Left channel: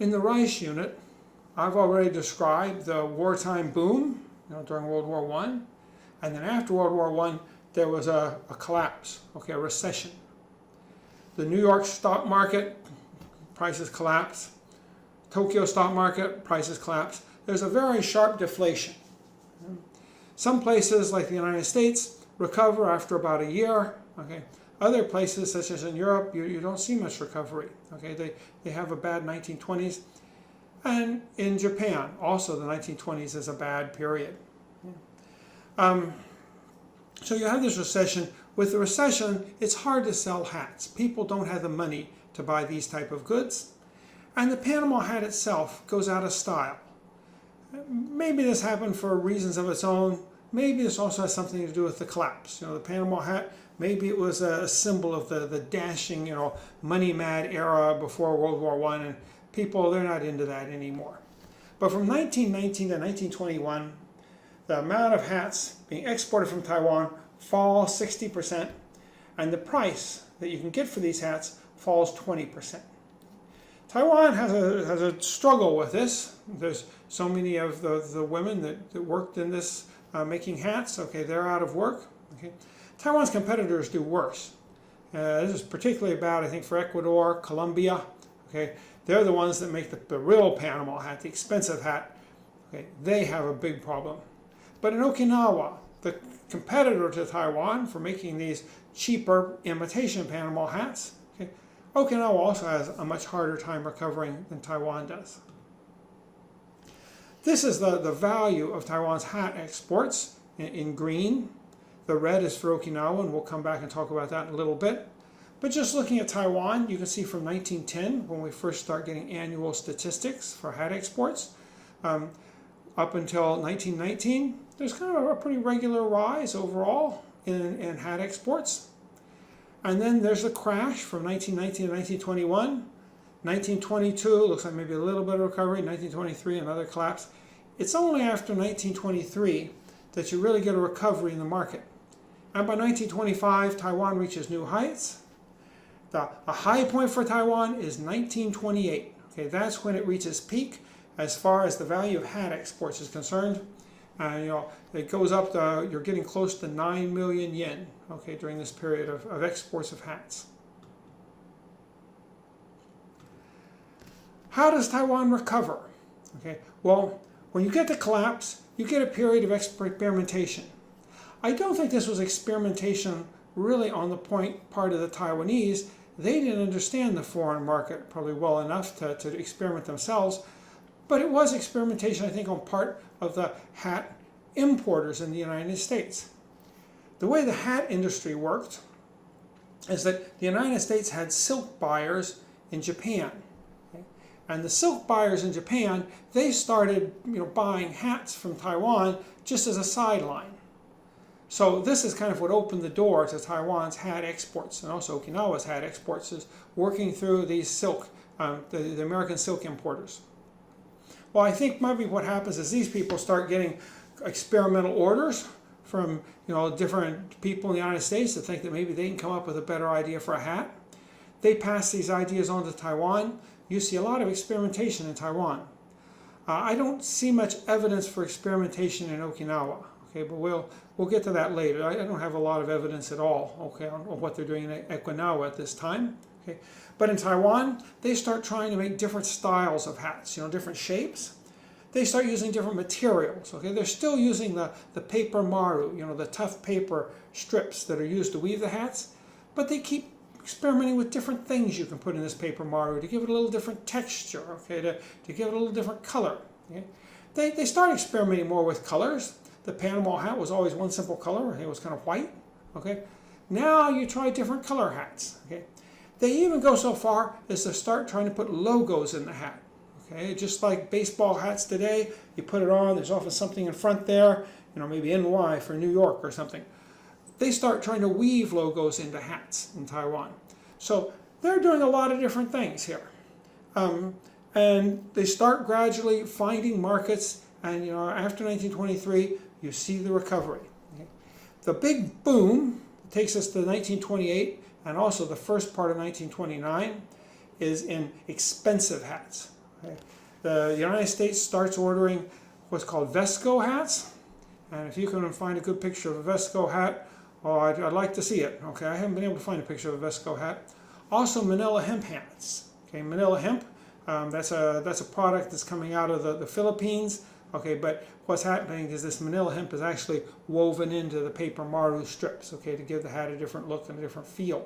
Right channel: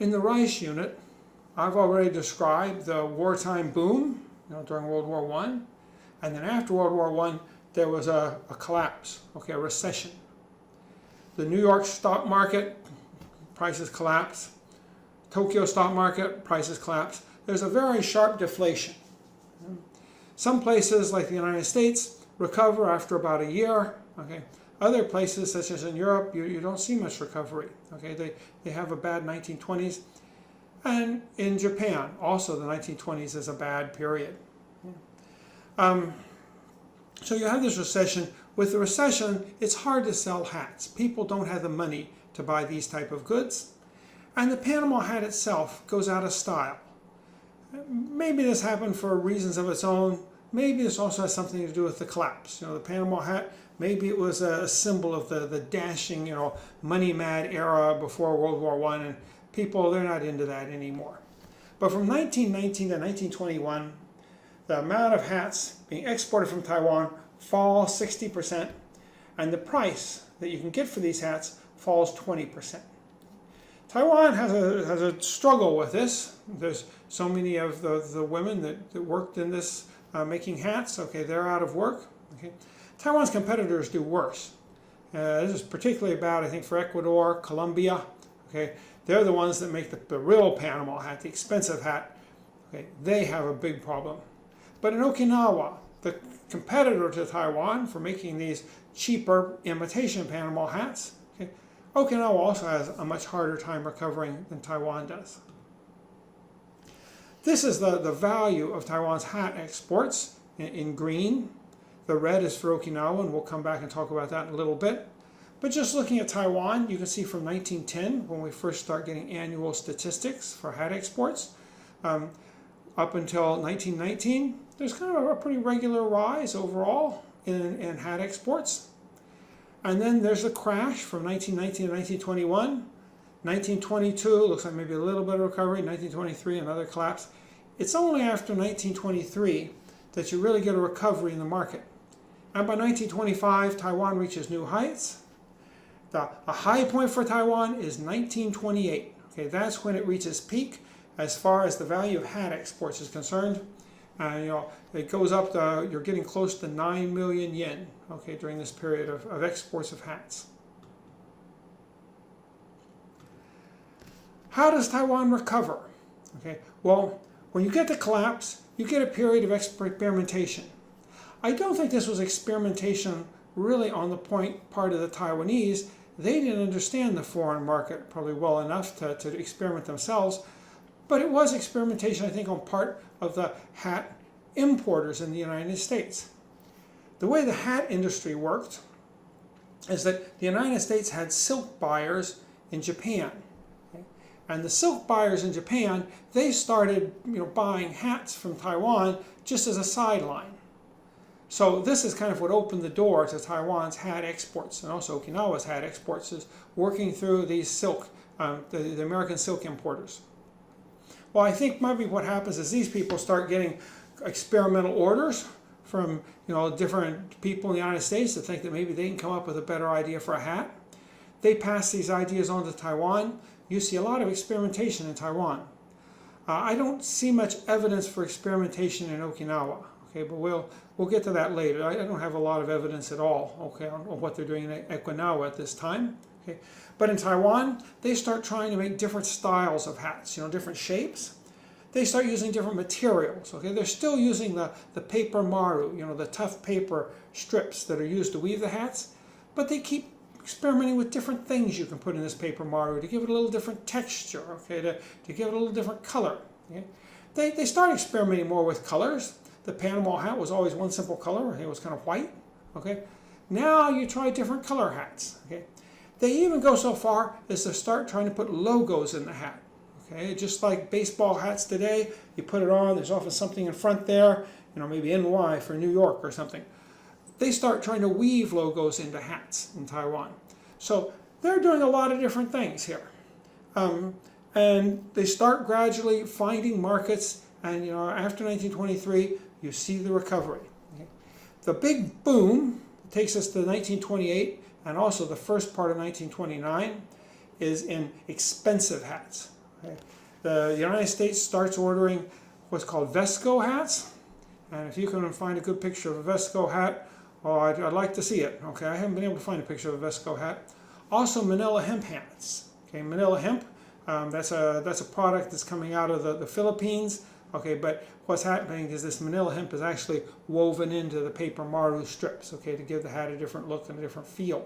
In the Rice unit, I've already described the wartime boom, during World War I, and then after World War I, there was a collapse, a recession. The New York stock market, prices collapse. Tokyo stock market, prices collapse. There's a very sharp deflation. Some places, like the United States, recover after about a year. Other places, such as in Europe, you don't see much recovery. They have a bad 1920s. And in Japan, also the 1920s is a bad period. So you have this recession. With the recession, it's hard to sell hats. People don't have the money to buy these type of goods. And the Panama hat itself goes out of style. Maybe this happened for reasons of its own. Maybe this also has something to do with the collapse. The Panama hat, maybe it was a symbol of the dashing, money-mad era before World War I, and people, they're not into that anymore. But from 1919 to 1921, the amount of hats being exported from Taiwan falls 60%, and the price that you can get for these hats falls 20%. Taiwan has a struggle with this. There's so many of the women that worked in this making hats. They're out of work. Taiwan's competitors do worse. This is particularly bad, I think, for Ecuador, Colombia. They're the ones that make the real Panama hat, the expensive hat. They have a big problem. But in Okinawa, the competitor to Taiwan for making these cheaper imitation Panama hats, Okinawa also has a much harder time recovering than Taiwan does. This is the value of Taiwan's hat exports in green. The red is for Okinawa, and we'll come back and talk about that in a little bit. But just looking at Taiwan, you can see from 1910, when we first start getting annual statistics for hat exports, up until 1919, there's kind of a pretty regular rise overall in hat exports. And then there's a crash from 1919 to 1921. 1922 looks like maybe a little bit of recovery. 1923, another collapse. It's only after 1923 that you really get a recovery in the market. And by 1925, Taiwan reaches new heights. A high point for Taiwan is 1928. That's when it reaches peak as far as the value of hat exports is concerned. It goes up to, you're getting close to 9 million yen, during this period of exports of hats. How does Taiwan recover? Well, when you get the collapse, you get a period of experimentation. I don't think this was experimentation really on the part of the Taiwanese. They didn't understand the foreign market probably well enough to experiment themselves, but it was experimentation, I think, on part of the hat importers in the United States. The way the hat industry worked is that the United States had silk buyers in Japan. And the silk buyers in Japan, they started buying hats from Taiwan just as a sideline. So this is kind of what opened the door to Taiwan's hat exports, and also Okinawa's hat exports, is working through these silk, the American silk importers. Well, I think maybe what happens is these people start getting experimental orders from different people in the United States that think that maybe they can come up with a better idea for a hat. They pass these ideas on to Taiwan. You see a lot of experimentation in Taiwan. I don't see much evidence for experimentation in Okinawa. But we'll get to that later. I don't have a lot of evidence at all. On what they're doing in Okinawa at this time. But in Taiwan, they start trying to make different styles of hats, different shapes. They start using different materials. They're still using the paper maru, the tough paper strips that are used to weave the hats, but they keep experimenting with different things you can put in this paper maru to give it a little different texture, to give it a little different color. They start experimenting more with colors. The Panama hat was always one simple color. It was kind of white. Now you try different color hats. They even go so far as to start trying to put logos in the hat. Just like baseball hats today, you put it on, there's often something in front there, maybe NY for New York or something. They start trying to weave logos into hats in Taiwan. So they're doing a lot of different things here. And they start gradually finding markets, and after 1923, you see the recovery. The big boom takes us to 1928, and also the first part of 1929 is in expensive hats. Okay. The United States starts ordering what's called Vesco hats, and if you can find a good picture of a Vesco hat, well, I'd like to see it. Okay, I haven't been able to find a picture of a Vesco hat. Also, Manila hemp hats. Okay, Manila hemp. That's a product that's coming out of the Philippines. Okay, but what's happening is this Manila hemp is actually woven into the paper maru strips. Okay, to give the hat a different look and a different feel.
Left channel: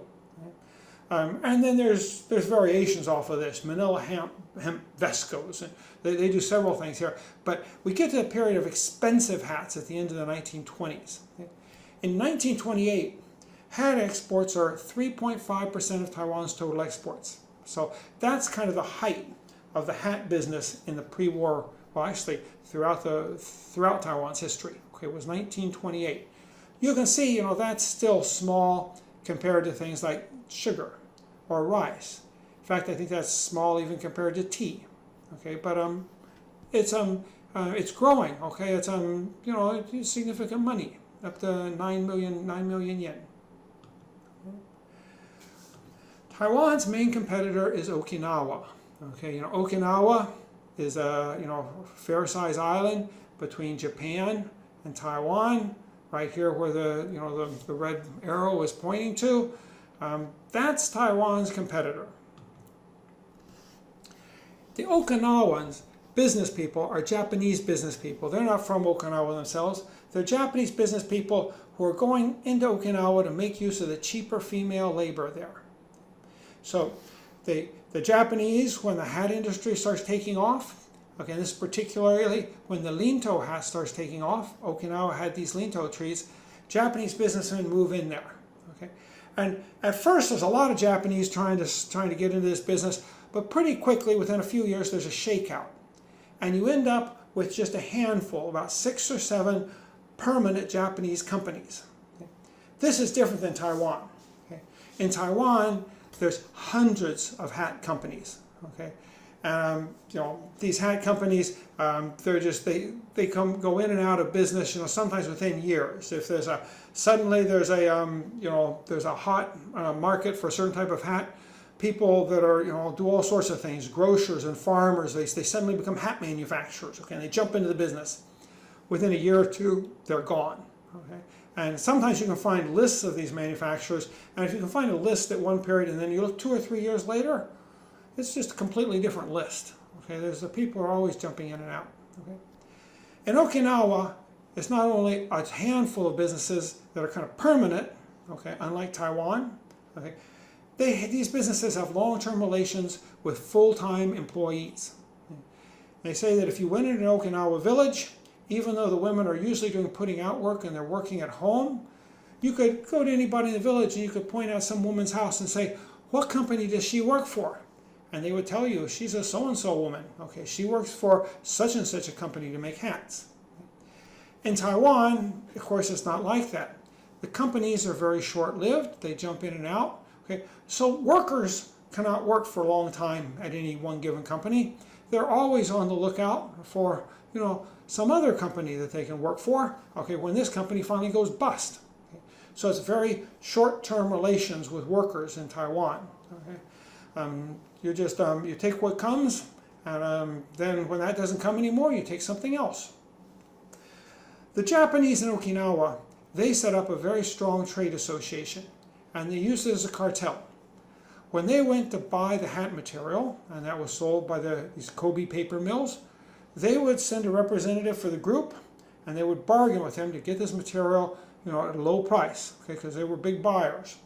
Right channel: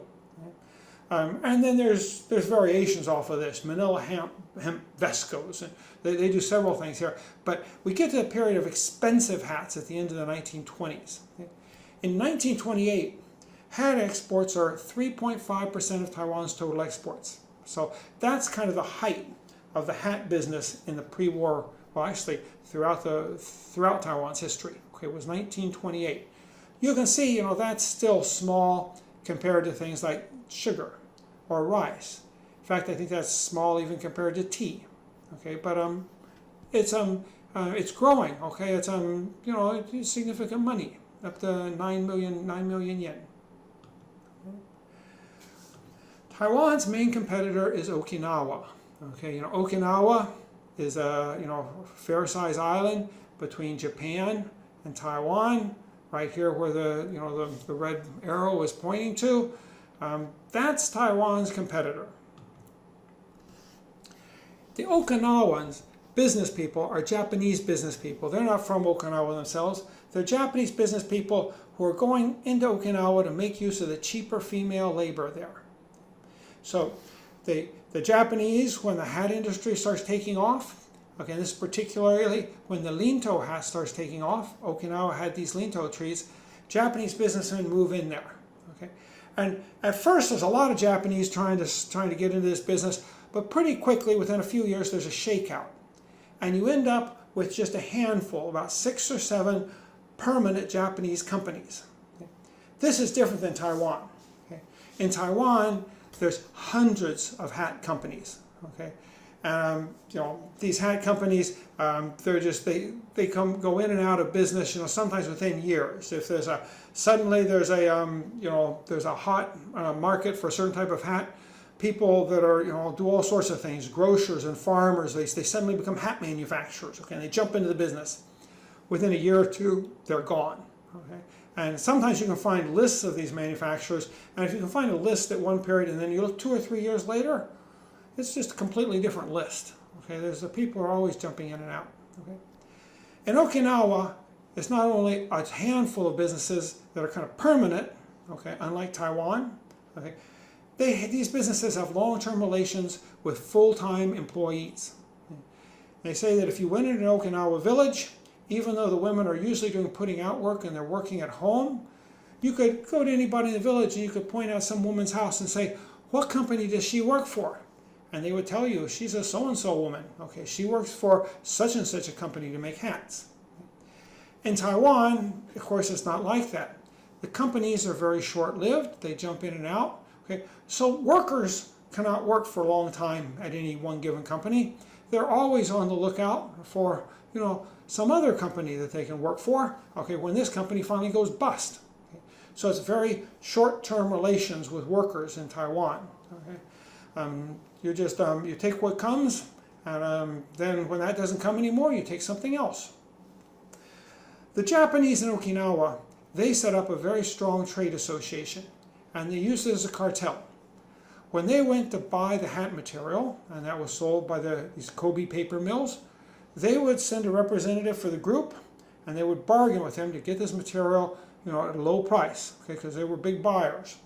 And then there's variations off of this, Manila hemp Vescos, and they do several things here. But we get to a period of expensive hats at the end of the 1920s. Okay? In 1928, hat exports are 3.5% of Taiwan's total exports. So that's kind of the height of the hat business in the pre-war, well, actually throughout Taiwan's history. Okay, it was 1928. You can see, that's still small compared to things like sugar or rice. In fact, I think that's small even compared to tea. Okay, but it's growing. Okay, it's significant money, up to 9 million yen. Taiwan's main competitor is Okinawa. Okay, Okinawa is a fair-sized island between Japan and Taiwan. Right here, where the red arrow is pointing to, that's Taiwan's competitor. The Okinawans, business people, are Japanese business people. They're not from Okinawa themselves. They're Japanese business people who are going into Okinawa to make use of the cheaper female labor there. So the Japanese, when the hat industry starts taking off, okay, this is particularly when the linto hat starts taking off. Okinawa had these linto trees. Japanese businessmen move in there. Okay, and at first there's a lot of Japanese trying to get into this business, but pretty quickly, within a few years, there's a shakeout, and you end up with just a handful, about 6 or 7 permanent Japanese companies. Okay? This is different than Taiwan. Okay? In Taiwan, there's hundreds of hat companies. Okay. These hat companies, they go in and out of business, sometimes within years. If there's a hot market for a certain type of hat, people that are do all sorts of things, grocers and farmers, they suddenly become hat manufacturers. Okay, and they jump into the business. Within a year or two, they're gone. Okay. And sometimes you can find lists of these manufacturers, and if you can find a list at one period and then you look 2 or 3 years later, it's just a completely different list. Okay, the people are always jumping in and out. Okay, in Okinawa, it's not only a handful of businesses that are kind of permanent. Okay, unlike Taiwan. Okay, these businesses have long-term relations with full-time employees. They say that if you went into an Okinawa village, even though the women are usually doing putting out work and they're working at home, you could go to anybody in the village and you could point out some woman's house and say, what company does she work for? And they would tell you, she's a so-and-so woman. Okay, she works for such and such a company to make hats. In Taiwan, of course, it's not like that. The companies are very short-lived. They jump in and out. Okay, so workers cannot work for a long time at any one given company. They're always on the lookout for, some other company that they can work for. Okay, when this company finally goes bust. Okay, so it's very short-term relations with workers in Taiwan. Okay. You take what comes, and then when that doesn't come anymore, you take something else. The Japanese in Okinawa, they set up a very strong trade association, and they used it as a cartel. When they went to buy the hat material, and that was sold by these Kobe paper mills, they would send a representative for the group, and they would bargain with him to get this material, at a low price, okay, because they were big buyers.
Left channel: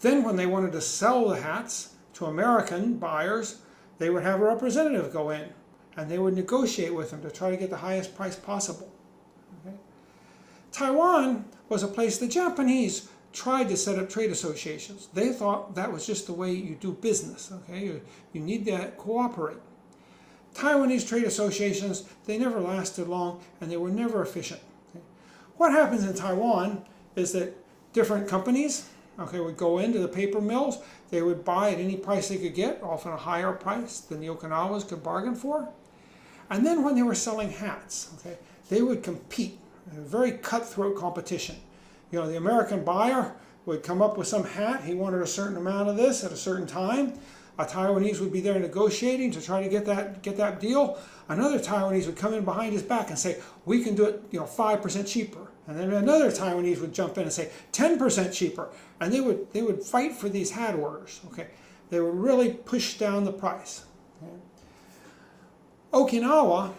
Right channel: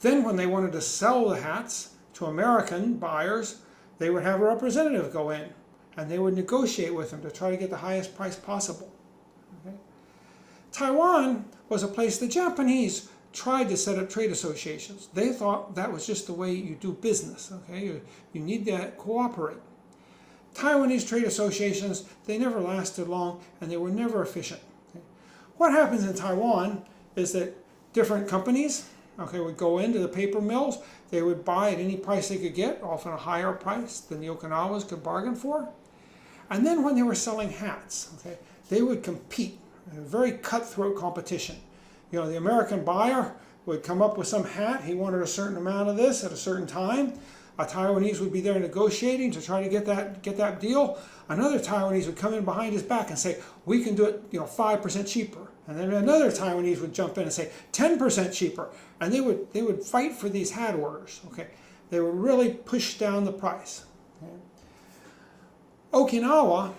Then when they wanted to sell the hats to American buyers, they would have a representative go in, and they would negotiate with them to try to get the highest price possible. Okay? Taiwan was a place the Japanese tried to set up trade associations. They thought that was just the way you do business. Okay, you need to cooperate. Taiwanese trade associations, they never lasted long, and they were never efficient. Okay? What happens in Taiwan is that different companies, would go into the paper mills. They would buy at any price they could get, often a higher price than the Okinawas could bargain for. And then when they were selling hats, they would compete in a very cutthroat competition. The American buyer would come up with some hat. He wanted a certain amount of this at a certain time. a Taiwanese would be there negotiating to try to get that deal. Another Taiwanese would come in behind his back and say, we can do it 5% cheaper. And then another Taiwanese would jump in and say 10% cheaper. And they would fight for these hat orders. Okay, they would really push down the price. Okay. Okinawa,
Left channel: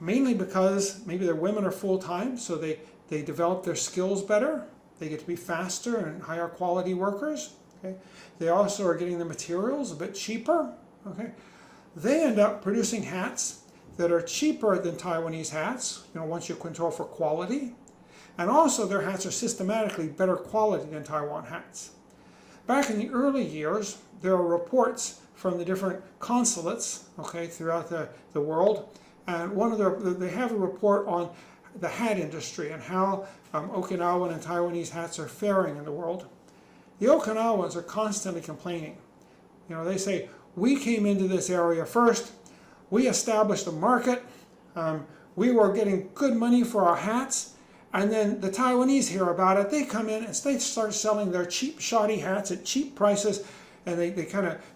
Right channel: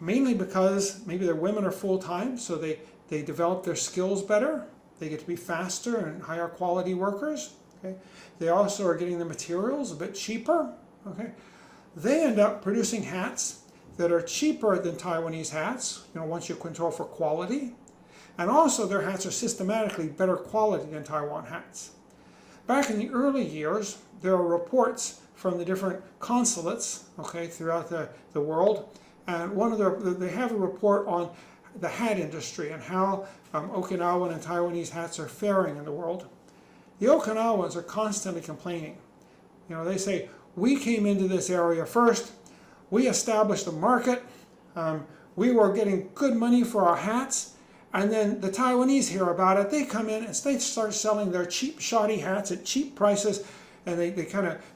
mainly because maybe their women are full-time, so they develop their skills better. They get to be faster and higher quality workers. Okay. They also are getting the materials a bit cheaper. Okay. They end up producing hats that are cheaper than Taiwanese hats, once you control for quality. And also their hats are systematically better quality than Taiwan hats. Back in the early years, there are reports from the different consulates, throughout the world. And they have a report on the hat industry and how Okinawan and Taiwanese hats are faring in the world. The Okinawans are constantly complaining. They say, we came into this area first, we established a market, we were getting good money for our hats, and then the Taiwanese hear about it, they come in and they start selling their cheap, shoddy hats at cheap prices, and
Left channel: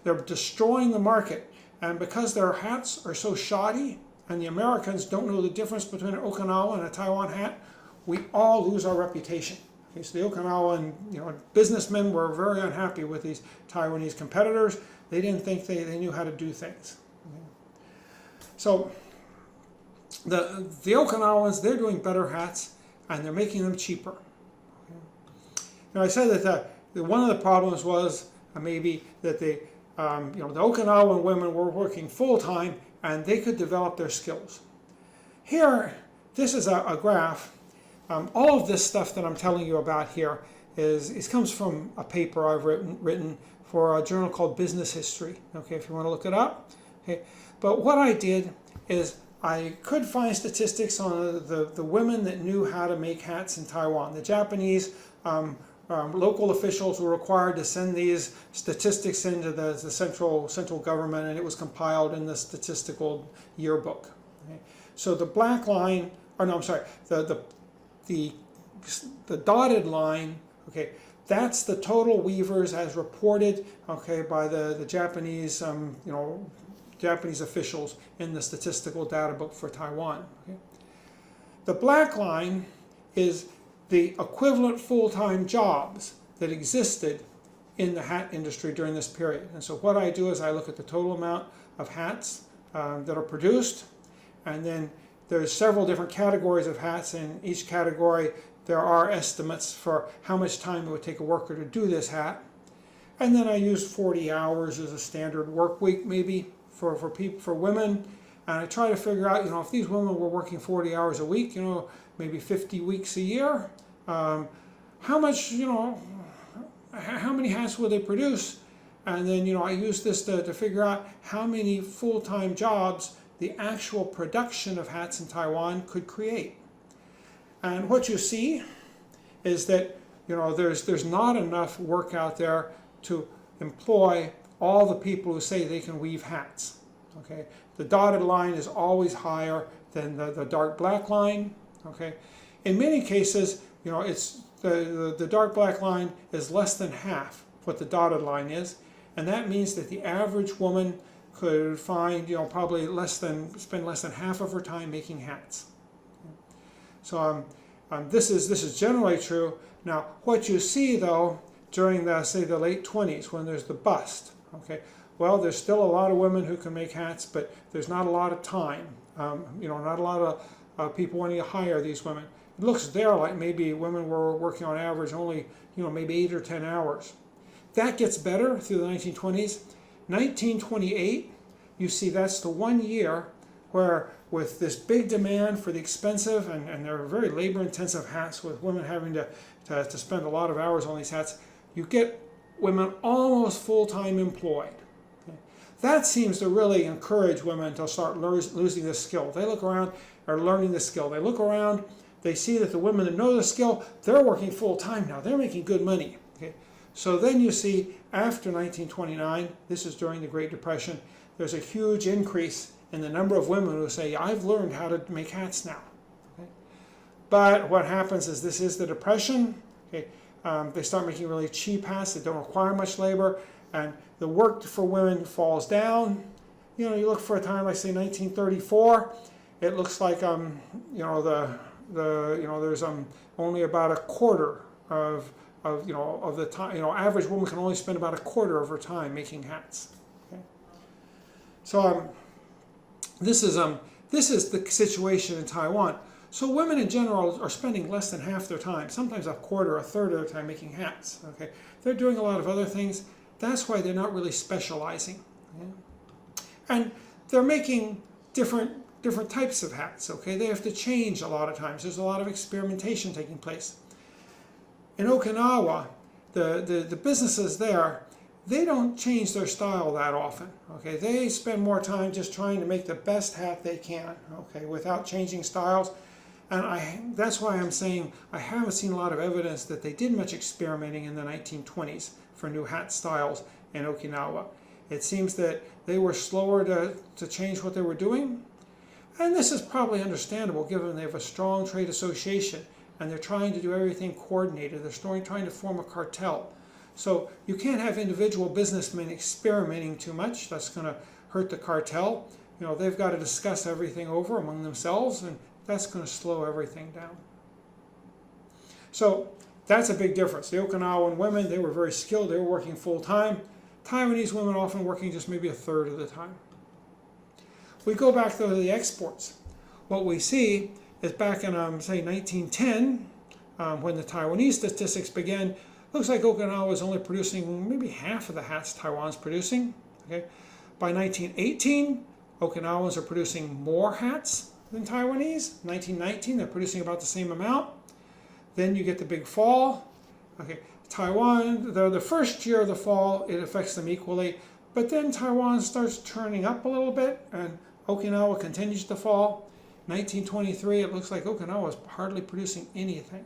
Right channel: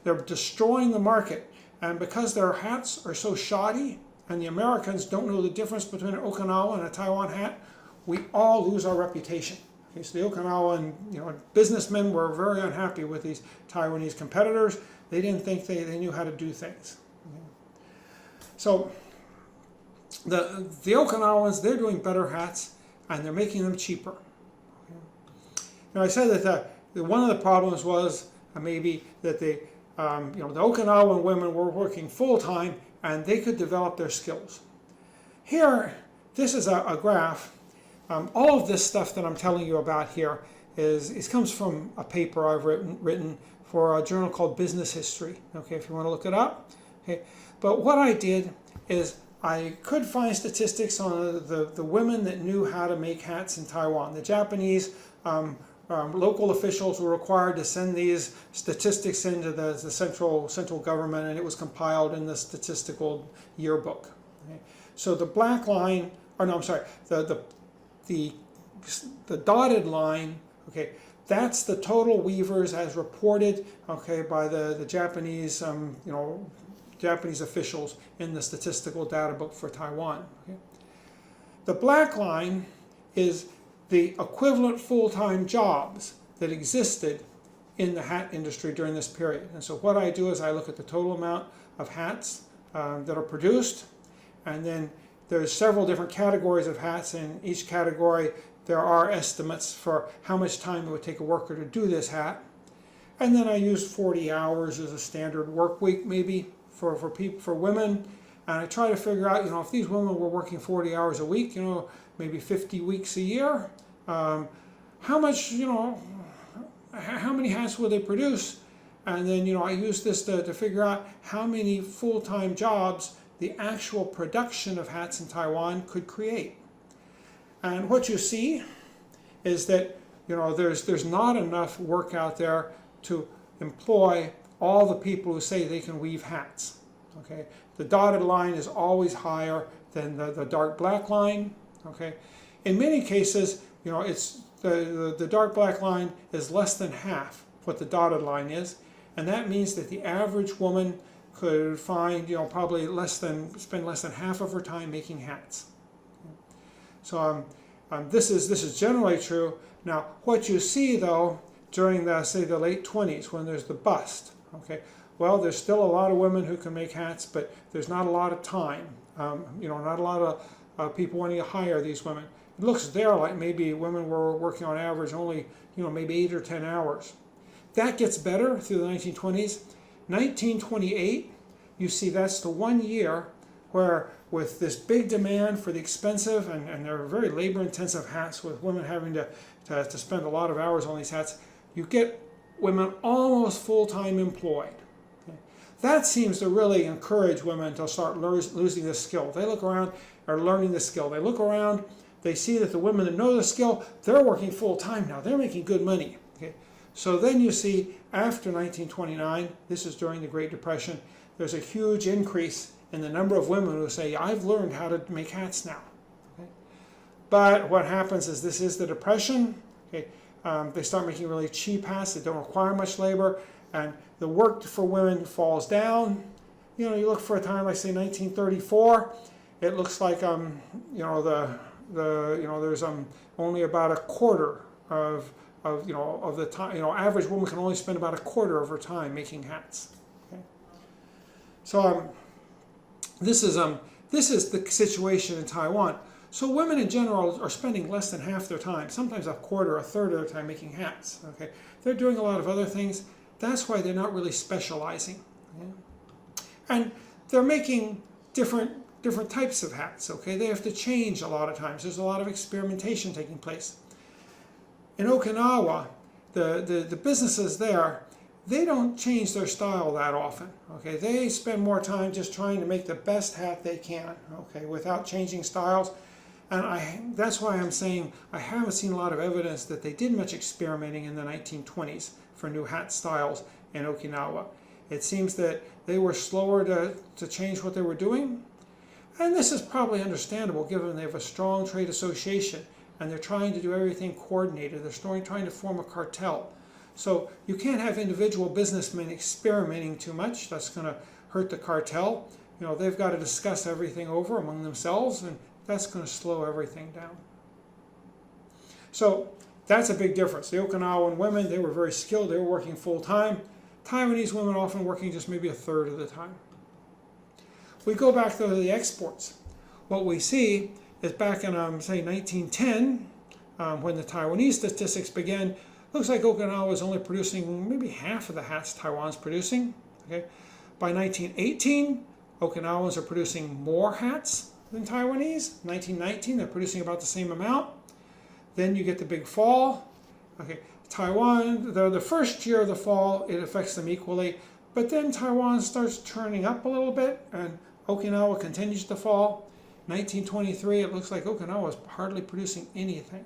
they're destroying the market. And because their hats are so shoddy, and the Americans don't know the difference between an Okinawa and a Taiwan hat, we all lose our reputation. Okay, so the Okinawan businessmen were very unhappy with these Taiwanese competitors. They didn't think they knew how to do things. So the Okinawans, they're doing better hats, and they're making them cheaper. Now I said that one of the problems was maybe that the Okinawan women were working full-time, and they could develop their skills. Here, this is a graph. All of this stuff that I'm telling you about here comes from a paper I've written for a journal called Business History. Okay, if you want to look it up. Okay, but what I did is I could find statistics on the women that knew how to make hats in Taiwan. The Japanese local officials were required to send these statistics into the central government, and it was compiled in the statistical yearbook. Okay. So the black line, the dotted line, okay, that's the total weavers as reported, okay, by the Japanese, Japanese officials in the statistical data book for Taiwan. Okay. The black line is the equivalent full-time jobs that existed in the hat industry during this period. And so what I do is I look at the total amount of hats that are produced, and then there's several different categories of hats. In each category there are estimates for how much time it would take a worker to do this hat. And then I use 40 hours as a standard work week maybe for women. And I try to figure out, if these women were working 40 hours a week, maybe 50 weeks a year, how many hats will they produce? And then, I use this to figure out how many full-time jobs the actual production of hats in Taiwan could create. And what you see is that, there's not enough work out there to employ all the people who say they can weave hats. Okay, the dotted line is always higher than the dark black line. Okay, in many cases, it's the dark black line is less than half what the dotted line is, and that means that the average woman could find probably spend less than half of her time making hats. So this is generally true. Now what you see though during the late 20s when there's the bust, okay, well, there's still a lot of women who can make hats, but there's not a lot of time. Not a lot of people wanting to hire these women. It looks there like maybe women were working on average only, maybe 8 or 10 hours. That gets better through the 1920s. 1928, you see that's the 1 year where with this big demand for the expensive and they're very labor-intensive hats, with women having to spend a lot of hours on these hats, you get women almost full-time employed. Okay. That seems to really encourage women to start losing this skill. They look around, are learning the skill. They look around, they see that the women that know the skill, they're working full-time now. They're making good money. Okay. So then you see after 1929, this is during the Great Depression, there's a huge increase in the number of women who say, I've learned how to make hats now. Okay. But what happens is this is the Depression. Okay. They start making really cheap hats that don't require much labor, and the work for women falls down. You know, you look for a time like say 1934, it looks like there's only about a quarter of the time. Average woman can only spend about a quarter of her time making hats. Okay? So this is the situation in Taiwan. So women in general are spending less than half their time, sometimes a quarter, a third of their time making hats. Okay, they're doing a lot of other things. That's why they're not really specializing. Okay? And they're making different types of hats. Okay, they have to change a lot of times. There's a lot of experimentation taking place. In Okinawa, the businesses there, they don't change their style that often. Okay, they spend more time just trying to make the best hat they can. Okay, without changing styles. And that's why I'm saying I haven't seen a lot of evidence that they did much experimenting in the 1920s for new hat styles in Okinawa. It seems that they were slower to change what they were doing. And this is probably understandable given they have a strong trade association and they're trying to do everything coordinated. They're trying to form a cartel. So you can't have individual businessmen experimenting too much. That's going to hurt the cartel. They've got to discuss everything over among themselves, and that's going to slow everything down. So that's a big difference. The Okinawan women, they were very skilled. They were working full time. Taiwanese women often working just maybe a third of the time. We go back though to the exports. What we see is back in, say, 1910, when the Taiwanese statistics began, looks like Okinawa was only producing maybe half of the hats Taiwan's producing. Okay? By 1918, Okinawans are producing more hats than Taiwanese. 1919, they're producing about the same amount. Then you get the big fall. Okay, Taiwan, the first year of the fall, it affects them equally, but then Taiwan starts turning up a little bit, and Okinawa continues to fall. 1923, it looks like Okinawa is hardly producing anything.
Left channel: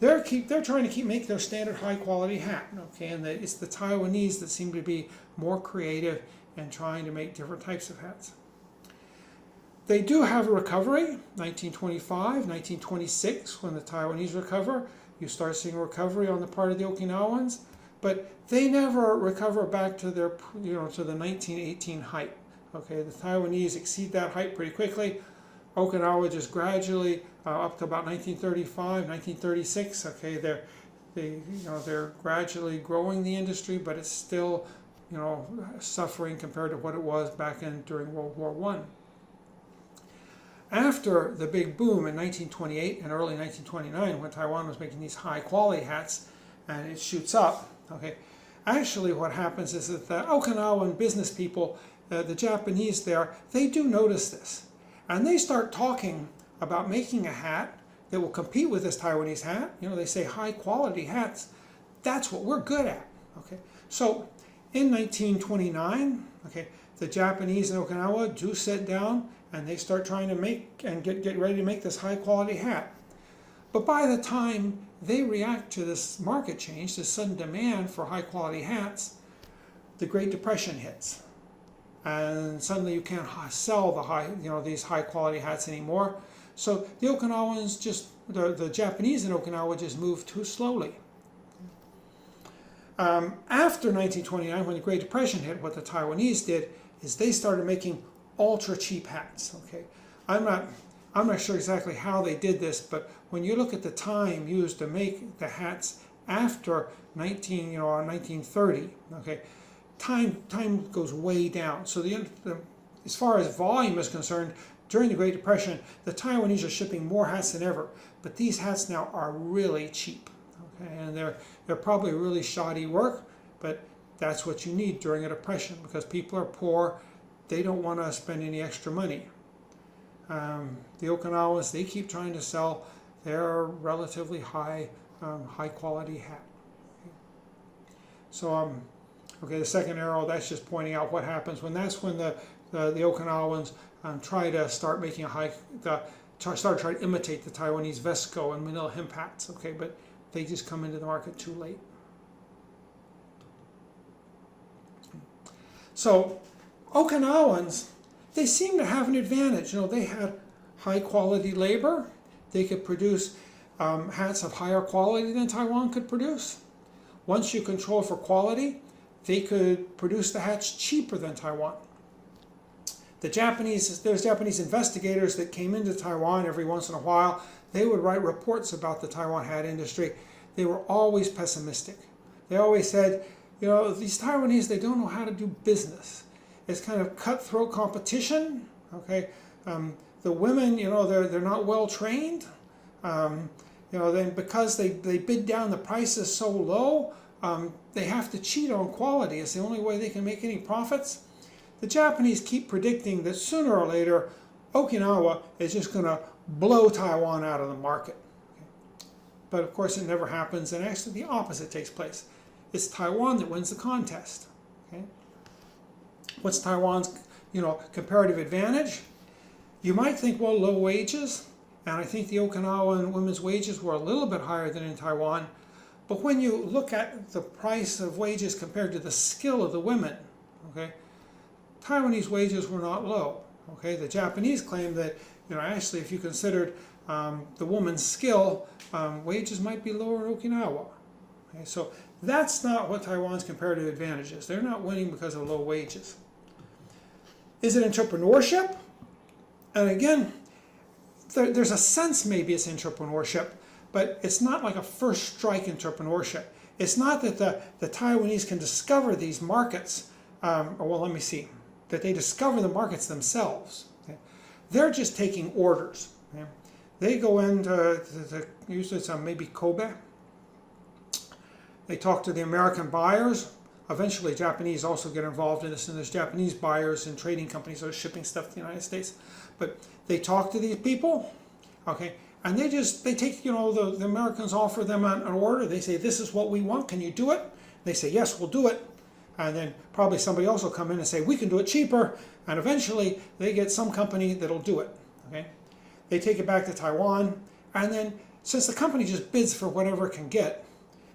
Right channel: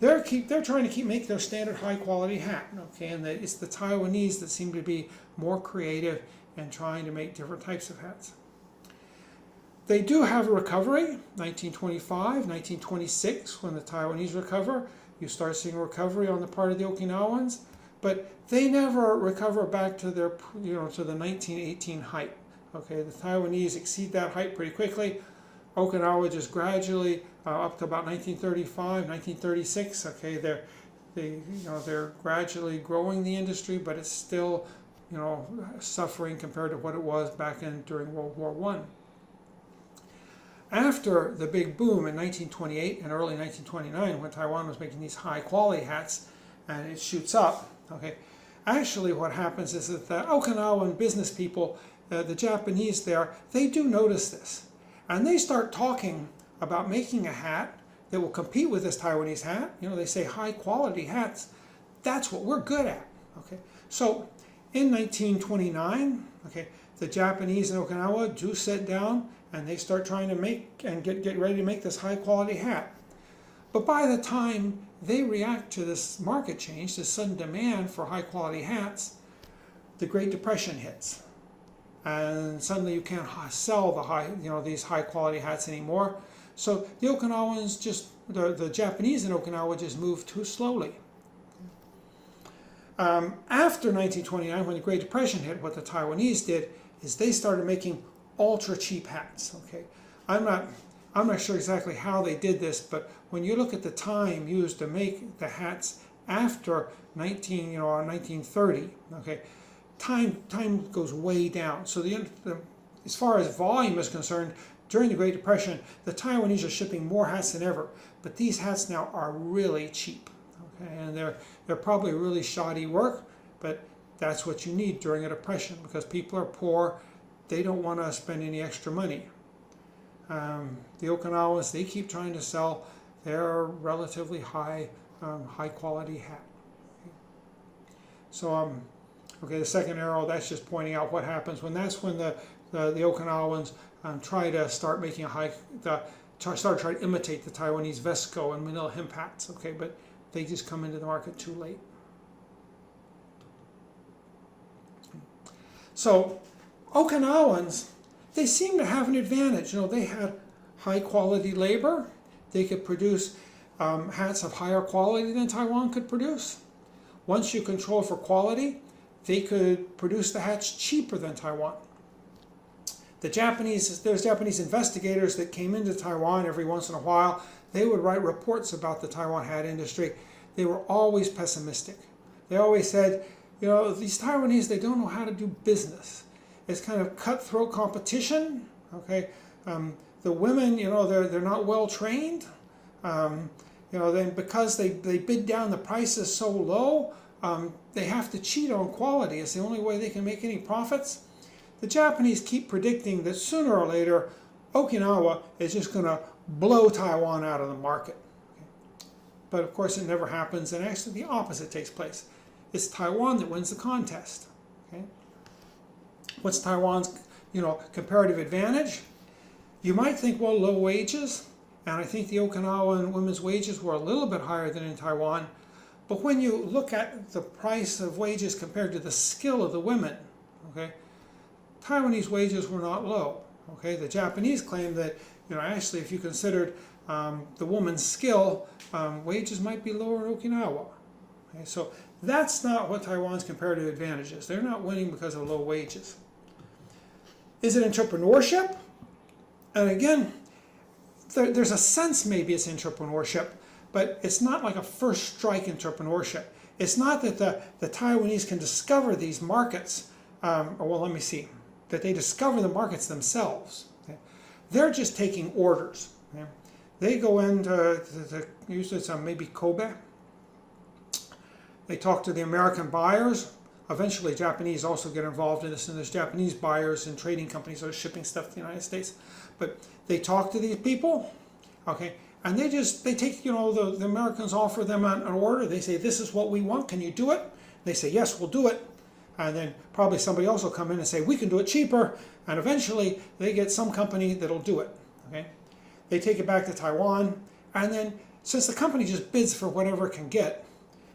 Okay? They're trying to make their standard high quality hat. Okay, and it's the Taiwanese that seem to be more creative and trying to make different types of hats. They do have a recovery, 1925, 1926, when the Taiwanese recover. You start seeing a recovery on the part of the Okinawans, but they never recover back to their, to the 1918 height. Okay, the Taiwanese exceed that height pretty quickly. Okinawa just gradually up to about 1935, 1936. Okay, they're gradually growing the industry, but it's still, suffering compared to what it was back during World War I. After the big boom in 1928 and early 1929, when Taiwan was making these high-quality hats, and it shoots up, okay, actually what happens is that the Okinawan business people, the Japanese there, they do notice this. And they start talking about making a hat that will compete with this Taiwanese hat. They say high-quality hats. That's what we're good at, okay? So in 1929, okay, the Japanese in Okinawa do sit down and they start trying to make and get ready to make this high quality hat. But by the time they react to this market change, this sudden demand for high quality hats, the Great Depression hits. And suddenly you can't sell these high quality hats anymore. So the Okinawans the Japanese in Okinawa just moved too slowly. After 1929, when the Great Depression hit, what the Taiwanese did is they started making ultra cheap hats. Okay, I'm not sure exactly how they did this, but when you look at the time used to make the hats after 1930, okay, time goes way down. So as far as volume is concerned, during the Great Depression, the Taiwanese are shipping more hats than ever, but these hats now are really cheap. Okay, and they're probably really shoddy work, but that's what you need during a depression because people are poor. They don't want to spend any extra money. The Okinawans, they keep trying to sell their relatively high quality hat. Okay. So, okay, the second arrow, that's just pointing out what happens when the Okinawans try to start making try to imitate the Taiwanese Vesco and Manila hemp hats. Okay, but they just come into the market too late. So Okinawans, they seem to have an advantage. They had high quality labor. They could produce hats of higher quality than Taiwan could produce. Once you control for quality, they could produce the hats cheaper than Taiwan. There's Japanese investigators that came into Taiwan every once in a while. They would write reports about the Taiwan hat industry. They were always pessimistic. They always said, these Taiwanese, they don't know how to do business. It's kind of cutthroat competition. Okay, the women, they're not well trained. Then because they bid down the prices so low, they have to cheat on quality. It's the only way they can make any profits. The Japanese keep predicting that sooner or later, Okinawa is just going to blow Taiwan out of the market. Okay? But of course, it never happens, and actually the opposite takes place. It's Taiwan that wins the contest. Okay? What's Taiwan's, comparative advantage? You might think, well, low wages, and I think the Okinawan women's wages were a little bit higher than in Taiwan. But when you look at the price of wages compared to the skill of the women, okay, Taiwanese wages were not low. Okay, the Japanese claim that, actually, if you considered the woman's skill, wages might be lower in Okinawa. Okay, so that's not what Taiwan's comparative advantage is. They're not winning because of low wages. Is it entrepreneurship? And again, there's a sense maybe it's entrepreneurship, but it's not like a first strike entrepreneurship. It's not that the Taiwanese can discover these markets, that they discover the markets themselves. Okay? They're just taking orders. Okay? They go into usually it's maybe Kobe. They talk to the American buyers. Eventually, Japanese also get involved in this, and there's Japanese buyers and trading companies that are shipping stuff to the United States. But they talk to these people, okay, and they take, the Americans offer them an order. They say, this is what we want. Can you do it? They say, yes, we'll do it. And then probably somebody else will come in and say, we can do it cheaper. And eventually, they get some company that'll do it. Okay, they take it back to Taiwan, and then since the company just bids for whatever it can get,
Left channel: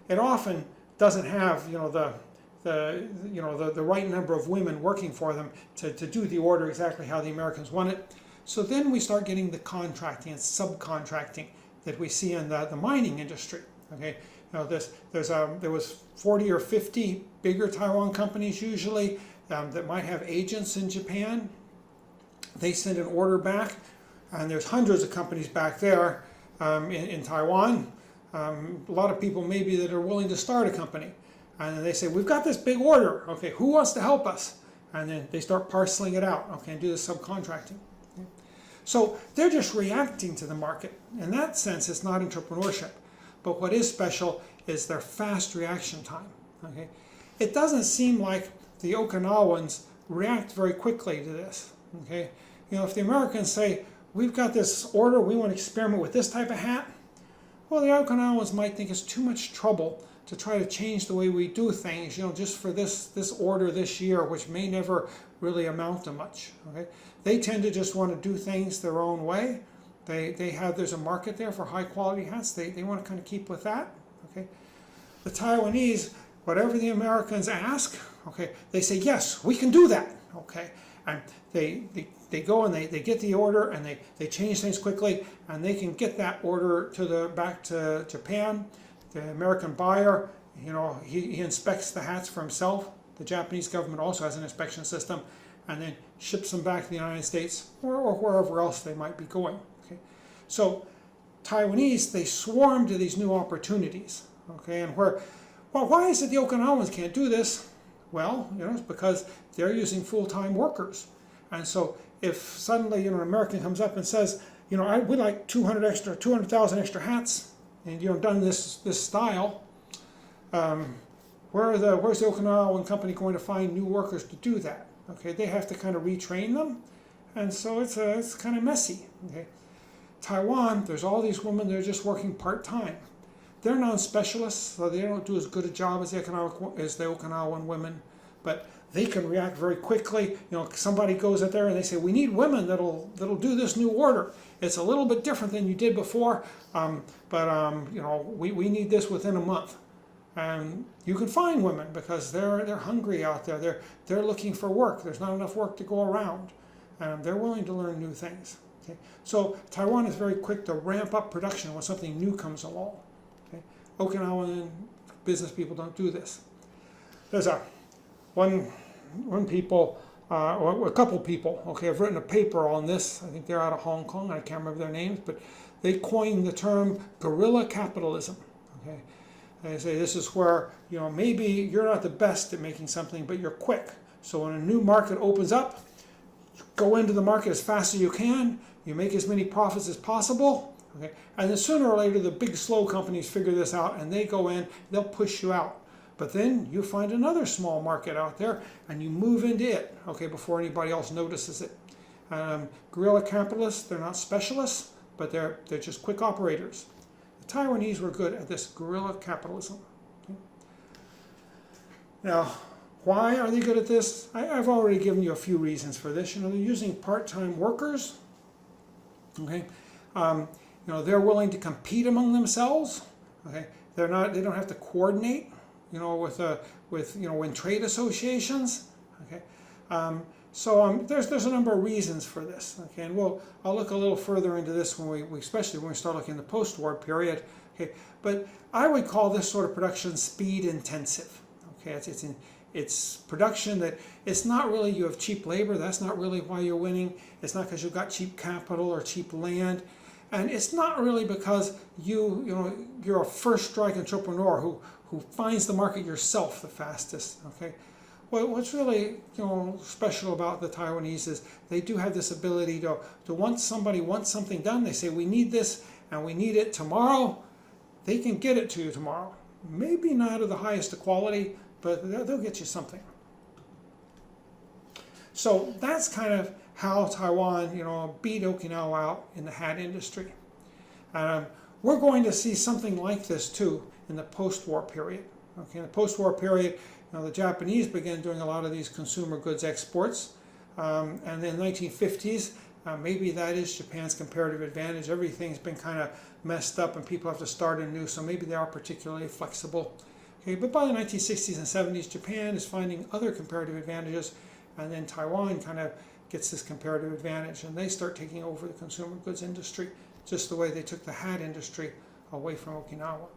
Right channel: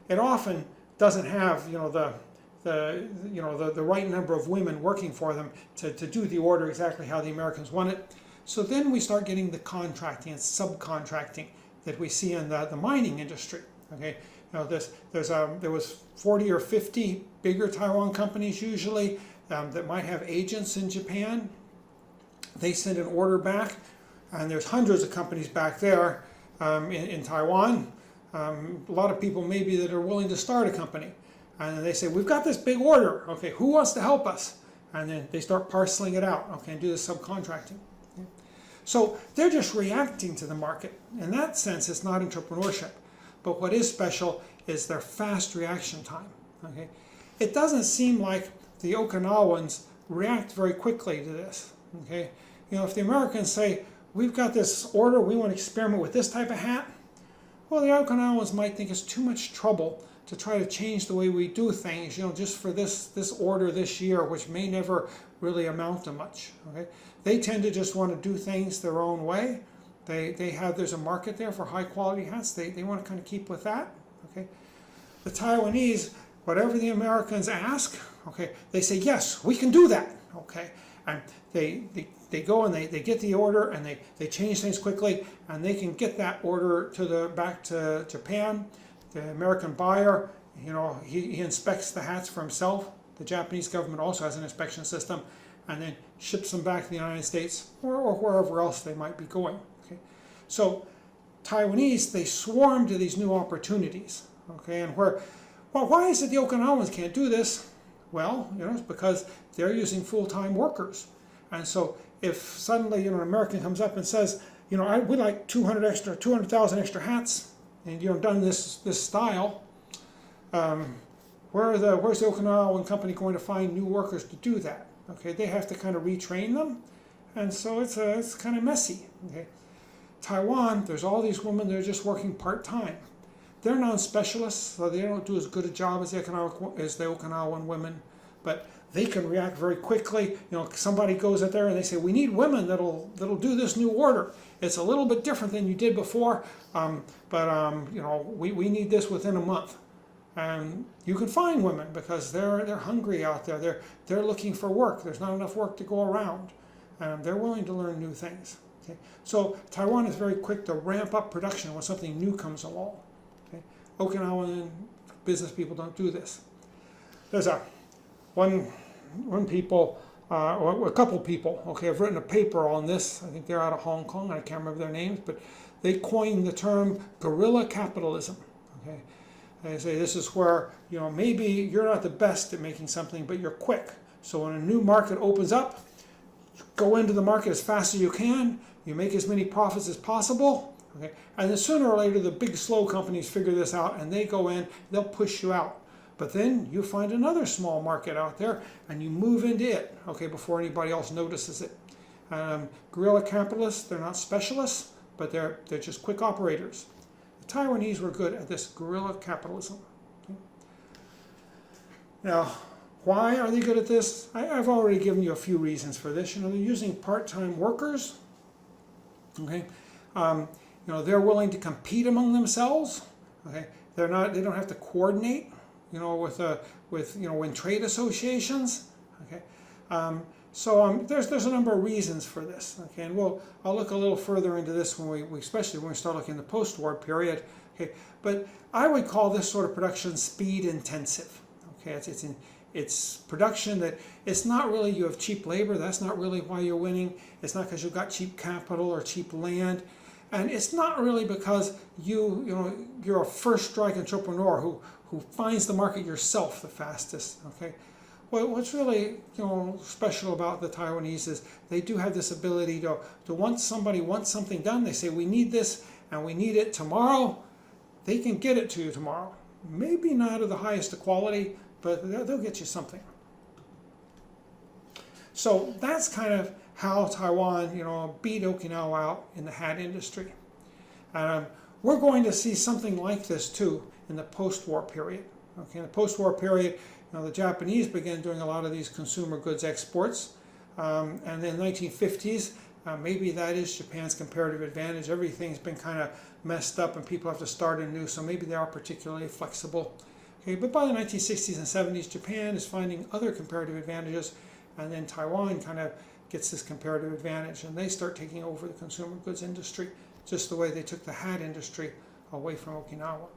it often doesn't have, the right number of women working for them to do the order exactly how the Americans want it. So then we start getting the contracting and subcontracting that we see in the mining industry. Okay, there was 40 or 50 bigger Taiwan companies usually that might have agents in Japan. They send an order back, and there's hundreds of companies back there in Taiwan. A lot of people maybe that are willing to start a company. And then they say, we've got this big order. Okay, who wants to help us? And then they start parceling it out. Okay, and do the subcontracting. Okay? So they're just reacting to the market. In that sense, it's not entrepreneurship. But what is special is their fast reaction time. Okay, it doesn't seem like the Okinawans react very quickly to this. Okay, if the Americans say, we've got this order, we want to experiment with this type of hat, well, the Okinawans might think it's too much trouble to try to change the way we do things, just for this order this year, which may never really amount to much. Okay, they tend to just want to do things their own way. There's a market there for high quality hats. They want to kind of keep with that. Okay, the Taiwanese, whatever the Americans ask, okay, they say yes, we can do that. Okay, and they go and they get the order and they change things quickly, and they can get that order back to Japan. The American buyer, he inspects the hats for himself. The Japanese government also has an inspection system, and then ships them back to the United States or wherever else they might be going. Okay? So Taiwanese, they swarm to these new opportunities. Okay, and why is it the Okinawans can't do this? Well, it's because they're using full-time workers. And so if suddenly an American comes up and says, we'd like 200,000 extra hats, and done this style, where's the Okinawan company going to find new workers to do that? Okay, they have to kind of retrain them, and so it's kind of messy. Okay, Taiwan, there's all these women that are just working part-time. They're non-specialists, so they don't do as good a job as the Okinawan women, but they can react very quickly. Somebody goes out there and they say, we need women that'll do this new order. It's a little bit different than you did before, but we need this within a month. And you can find women because they're hungry out there. They're looking for work. There's not enough work to go around. They're willing to learn new things. Okay? So Taiwan is very quick to ramp up production when something new comes along. Okay? Okinawan business people don't do this. There's a one people, or a couple people, okay, have written a paper on this. I think they're out of Hong Kong. I can't remember their names, but they coined the term guerrilla capitalism. Okay, they say this is where, you know, maybe you're not the best at making something, but you're quick. So when a new market opens up, go into the market as fast as you can. You make as many profits as possible. Okay, and then sooner or later, the big slow companies figure this out, and they go in. They'll push you out. But then you find another small market out there, and you move into it, okay, before anybody else notices it. Guerrilla capitalists, they're not specialists, but they're just quick operators. The Taiwanese were good at this guerrilla capitalism. Okay? Now, why are they good at this? I've already given you a few reasons for this. You know, they're using part-time workers. Okay, you know, they're willing to compete among themselves. Okay, they don't have to coordinate, you know, with you know, in trade associations. Okay, there's a number of reasons for this. Okay, and I'll look a little further into this when we especially when we start looking at the post-war period. Okay, but I would call this sort of production speed intensive. Okay, it's production that it's not really you have cheap labor. That's not really why you're winning. It's not because you've got cheap capital or cheap land, and it's not really because you're a first strike entrepreneur who finds the market yourself the fastest. Okay, well, what's really special about the Taiwanese is they do have this ability to once somebody wants something done, they say we need this and we need it tomorrow. They can get it to you tomorrow. Maybe not of the highest quality, but they'll get you something. So that's kind of how Taiwan, beat Okinawa out in the hat industry. We're going to see something like this too in the post-war period. Okay, in the post-war period, the Japanese began doing a lot of these consumer goods exports, and then 1950s, maybe that is Japan's comparative advantage. Everything's been kind of messed up, and people have to start anew. So maybe they are particularly flexible. Okay, but by the 1960s and 70s, Japan is finding other comparative advantages, and then Taiwan kind of gets this comparative advantage, and they start taking over the consumer goods industry, just the way they took the hat industry away from Okinawa.